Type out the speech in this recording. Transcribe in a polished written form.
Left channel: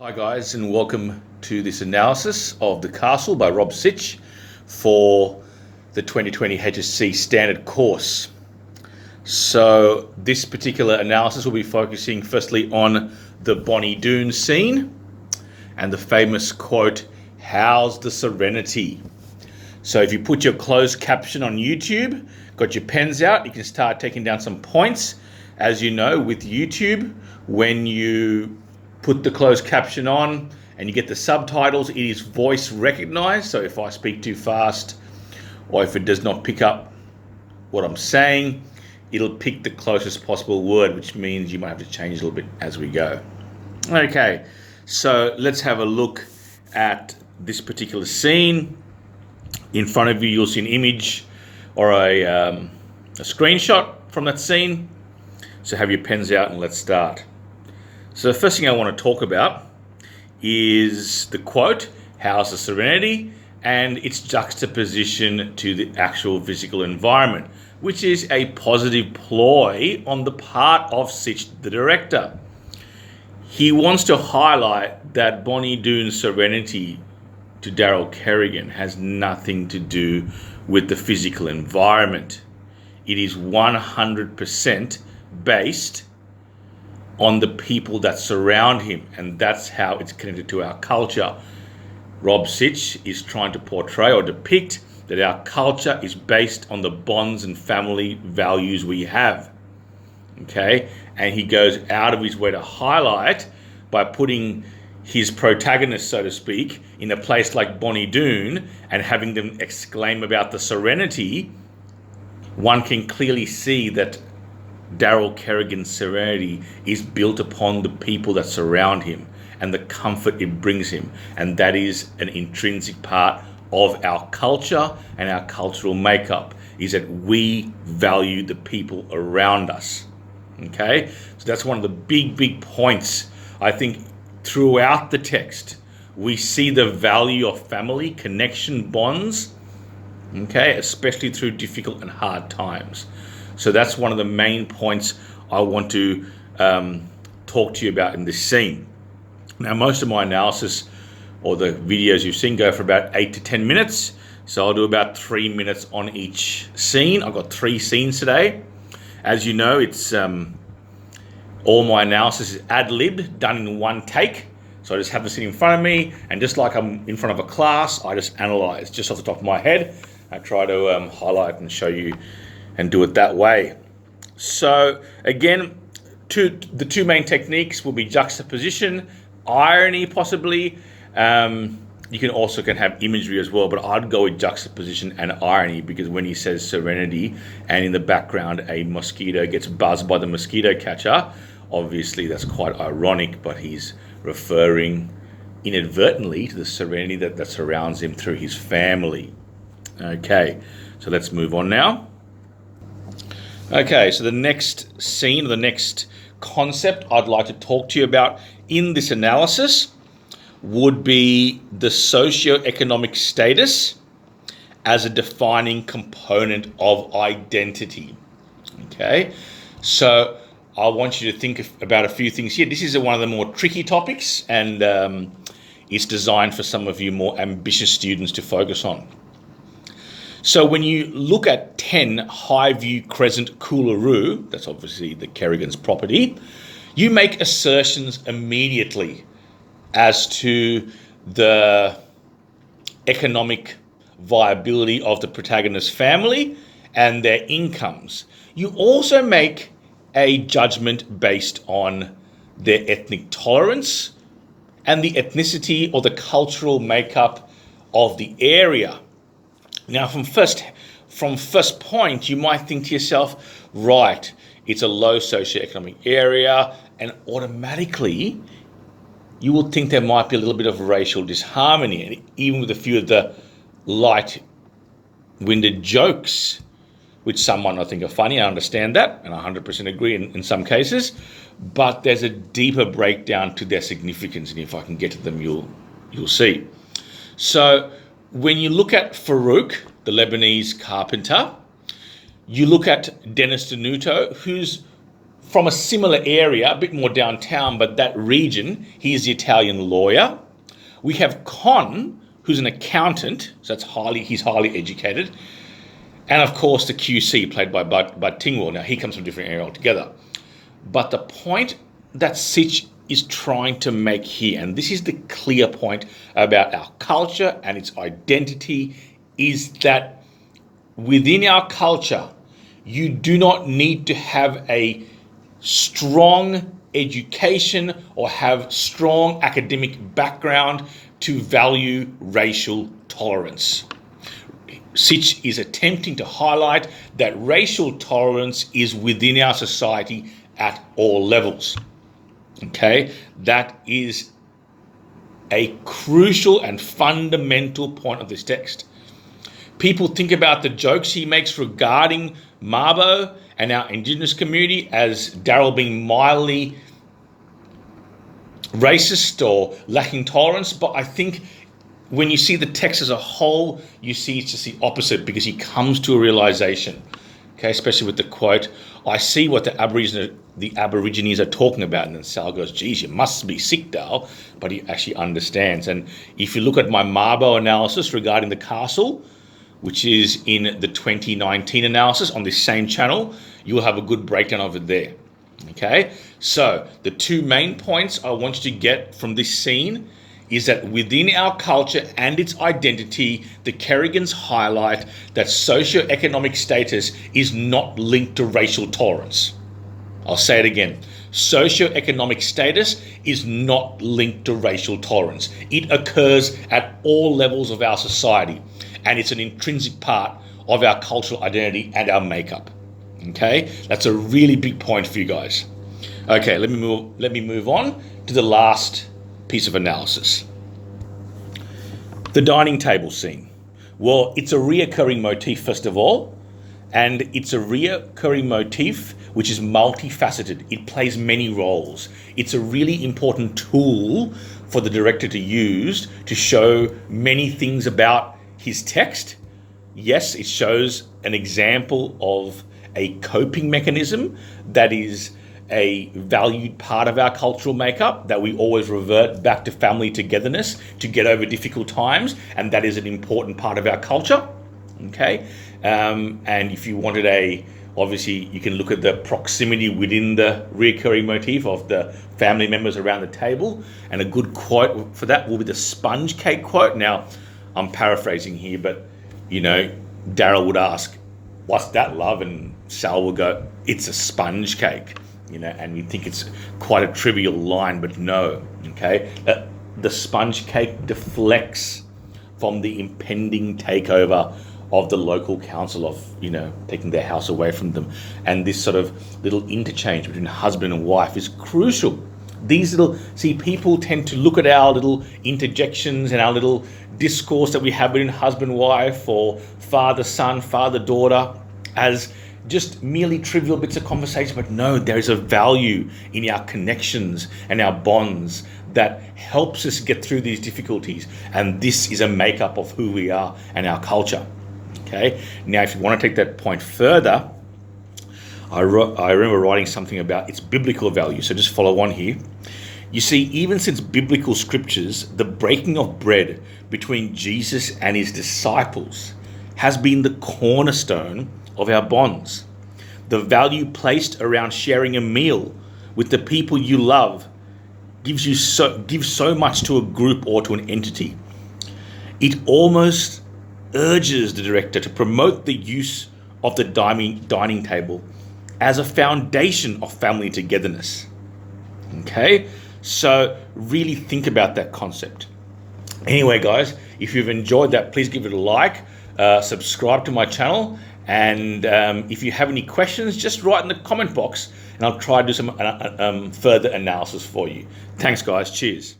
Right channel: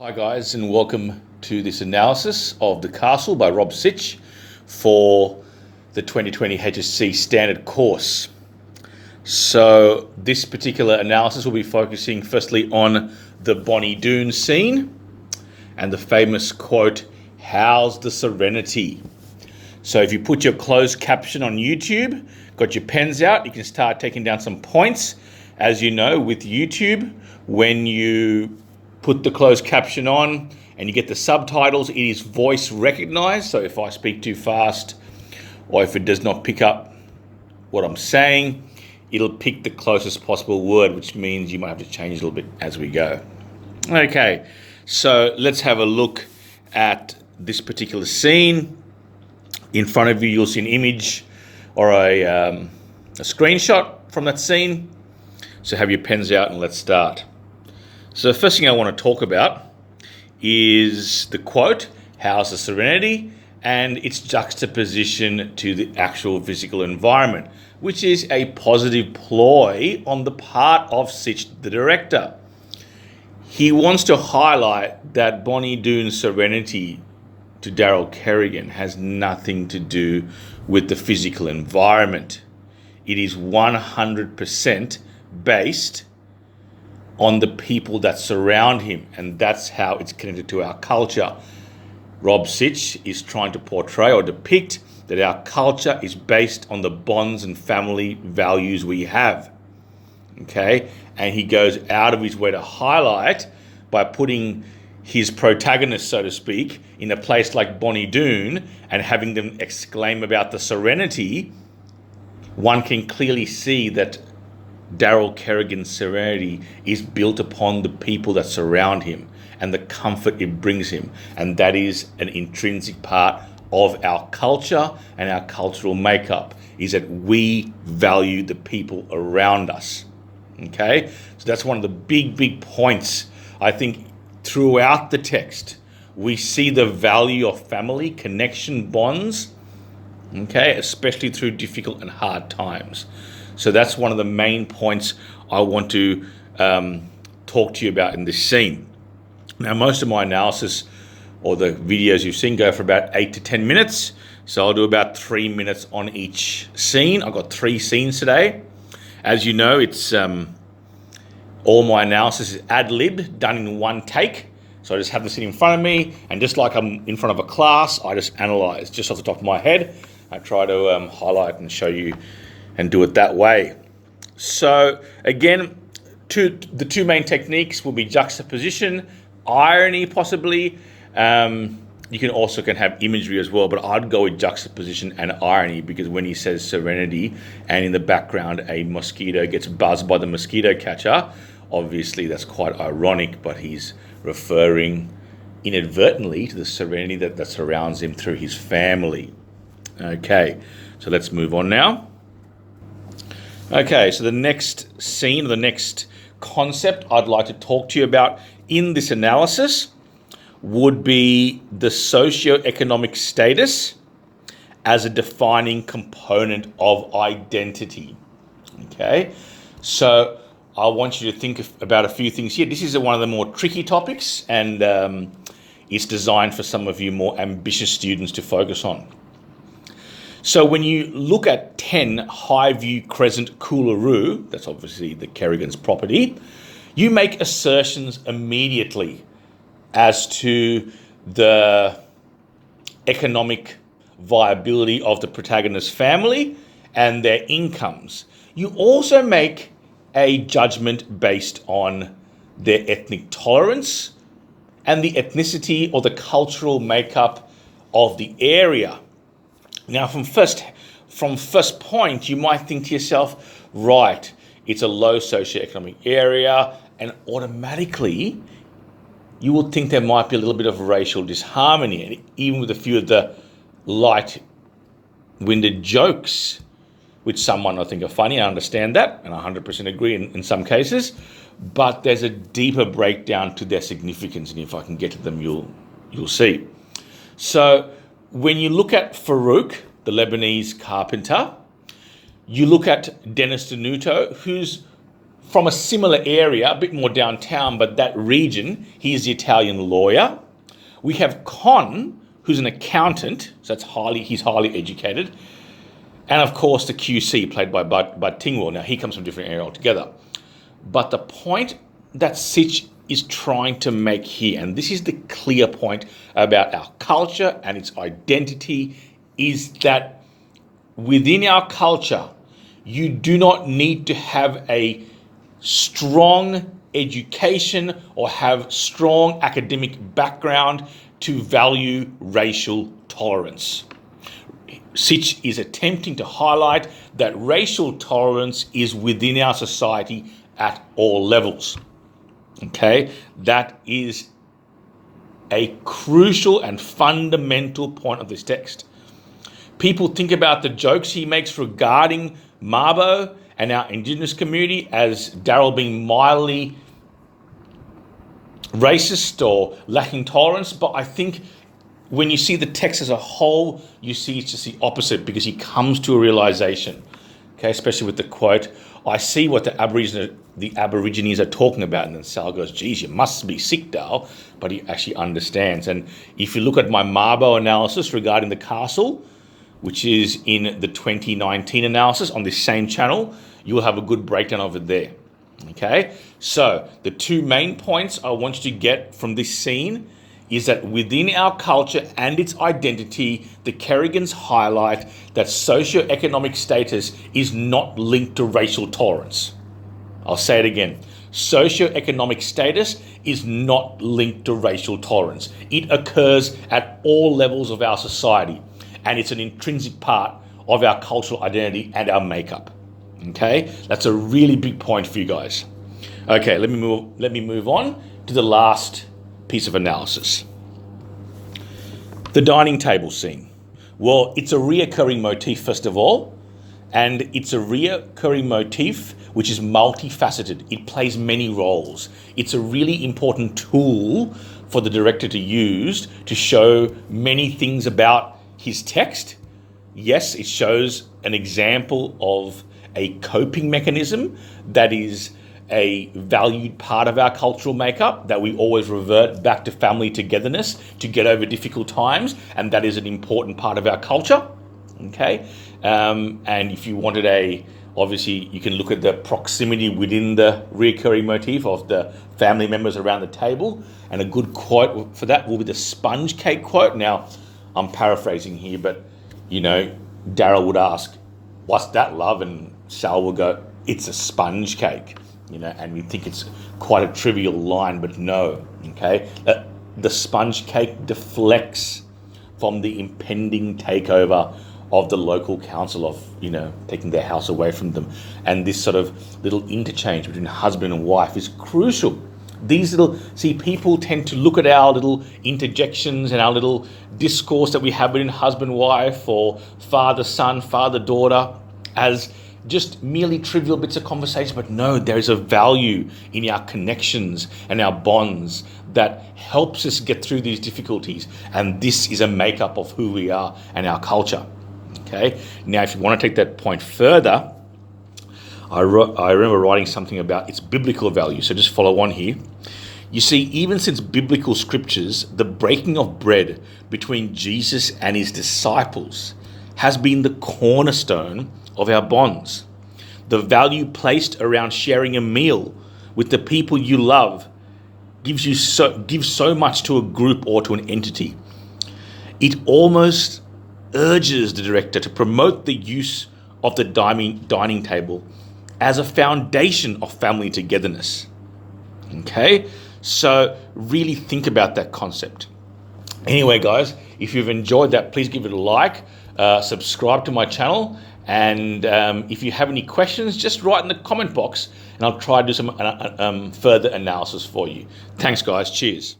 Hi guys, and welcome to this analysis of The Castle by Rob Sitch for the 2020 HSC Standard course. So this particular analysis will be focusing firstly on the Bonnie Doon scene and the famous quote, "How's the serenity?" So if you put your closed caption on YouTube, got your pens out, you can start taking down some points. As you know, with YouTube, when you put the closed caption on and you get the subtitles, it is voice recognized. So if I speak too fast or if it does not pick up what I'm saying, it'll pick the closest possible word, which means you might have to change a little bit as we go. Okay, so let's have a look at this particular scene. In front of you, you'll see an image or a screenshot from that scene. So have your pens out and let's start. So the first thing I want to talk about is the quote, "How's the serenity?" and its juxtaposition to the actual physical environment, which is a positive ploy on the part of Sitch, the director. He wants to highlight that Bonnie Doon's serenity to Daryl Kerrigan has nothing to do with the physical environment. It is 100% based on the people that surround him, and that's how it's connected to our culture. Rob Sitch is trying to portray or depict that our culture is based on the bonds and family values we have. Okay, and he goes out of his way to highlight by putting his protagonist, so to speak, in a place like Bonnie Doon and having them exclaim about the serenity. One can clearly see that Daryl Kerrigan's serenity is built upon the people that surround him and the comfort it brings him. And that is an intrinsic part of our culture and our cultural makeup, is that we value the people around us. Okay? So that's one of the big points. I think throughout the text, we see the value of family, connection, bonds, okay, especially through difficult and hard times. So that's one of the main points I want to talk to you about in this scene. Now, most of my analysis or the videos you've seen go for about 8 to 10 minutes. So I'll do about 3 minutes on each scene. I've got 3 scenes today. As you know, it's all my analysis is ad-libbed, done in one take. So I just have the scene in front of me, and just like I'm in front of a class, I just analyze just off the top of my head. I try to highlight and show you and do it that way. So again, the two main techniques will be juxtaposition, irony possibly. You can also have imagery as well, but I'd go with juxtaposition and irony, because when he says serenity and in the background a mosquito gets buzzed by the mosquito catcher, obviously that's quite ironic, but he's referring inadvertently to the serenity that surrounds him through his family. Okay, so let's move on now. Okay, so the next scene, the next concept I'd like to talk to you about in this analysis would be the socioeconomic status as a defining component of identity. Okay, so I want you to think about a few things here. This is one of the more tricky topics, and it's designed for some of you more ambitious students to focus on. So when you look at 10 Highview Crescent Coolaroo, that's obviously the Kerrigan's property, you make assertions immediately as to the economic viability of the protagonist's family and their incomes. You also make a judgment based on their ethnic tolerance and the ethnicity or the cultural makeup of the area. Now, from first point, you might think to yourself, right, it's a low socioeconomic area, and automatically you would think there might be a little bit of racial disharmony, and even with a few of the light-winded jokes, which some might not think are funny. I understand that, and I 100% agree in some cases, but there's a deeper breakdown to their significance, and if I can get to them, you'll see. So when you look at Farouk, the Lebanese carpenter, you look at Dennis Denuto, whose from a similar area, a bit more downtown, but that region, he is the Italian lawyer. We have Con, who's an accountant, so he's highly educated. And of course, the QC, played by Bud Tingwell. Now, he comes from a different area altogether. But the point that Sitch is trying to make here, and this is the clear point about our culture and its identity, is that within our culture, you do not need to have a strong education or have strong academic background to value racial tolerance. Sitch is attempting to highlight that racial tolerance is within our society at all levels. Okay, that is a crucial and fundamental point of this text. People think about the jokes he makes regarding Mabo and our Indigenous community as Daryl being mildly racist or lacking tolerance, but I think when you see the text as a whole, you see it's just the opposite, because he comes to a realization, okay, especially with the quote, "I see what the Aborigines are talking about." And then Sal goes, "Geez, you must be sick, Dal." But he actually understands. And if you look at my Mabo analysis regarding the castle, which is in the 2019 analysis on this same channel, you will have a good breakdown of it there. Okay, so the two main points I want you to get from this scene is that within our culture and its identity, the Kerrigans highlight that socioeconomic status is not linked to racial tolerance. I'll say it again. Socioeconomic status is not linked to racial tolerance. It occurs at all levels of our society, and it's an intrinsic part of our cultural identity and our makeup. Okay, that's a really big point for you guys. Okay, let me move on to the last piece of analysis. The dining table scene. Well, it's a reoccurring motif, first of all, and it's a reoccurring motif which is multifaceted. It plays many roles. It's a really important tool for the director to use to show many things about his text. Yes, it shows an example of a coping mechanism that is a valued part of our cultural makeup, that we always revert back to family togetherness to get over difficult times, and that is an important part of our culture. Okay, and if you wanted obviously you can look at the proximity within the recurring motif of the family members around the table, and a good quote for that will be the sponge cake quote. Now, I'm paraphrasing here, but Daryl would ask, "What's that, love?" And Sal will go, "It's a sponge cake." And we think it's quite a trivial line, but no, okay? The sponge cake deflects from the impending takeover of the local council of, taking their house away from them. And this sort of little interchange between husband and wife is crucial. People tend to look at our little interjections and our little discourse that we have between husband and wife, or father-son, father-daughter, as just merely trivial bits of conversation. But no, there is a value in our connections and our bonds that helps us get through these difficulties. And this is a makeup of who we are and our culture. Okay. Now, if you want to take that point further, I remember writing something about its biblical value. So just follow on here. You see, even since biblical scriptures, the breaking of bread between Jesus and his disciples has been the cornerstone of our bonds. The value placed around sharing a meal with the people you love gives so much to a group or to an entity. It almost urges the director to promote the use of the dining table as a foundation of family togetherness. Okay, so really think about that concept. Anyway, guys, if you've enjoyed that, please give it a like, subscribe to my channel, and if you have any questions, just write in the comment box and I'll try to do some further analysis for you. Thanks, guys. Cheers.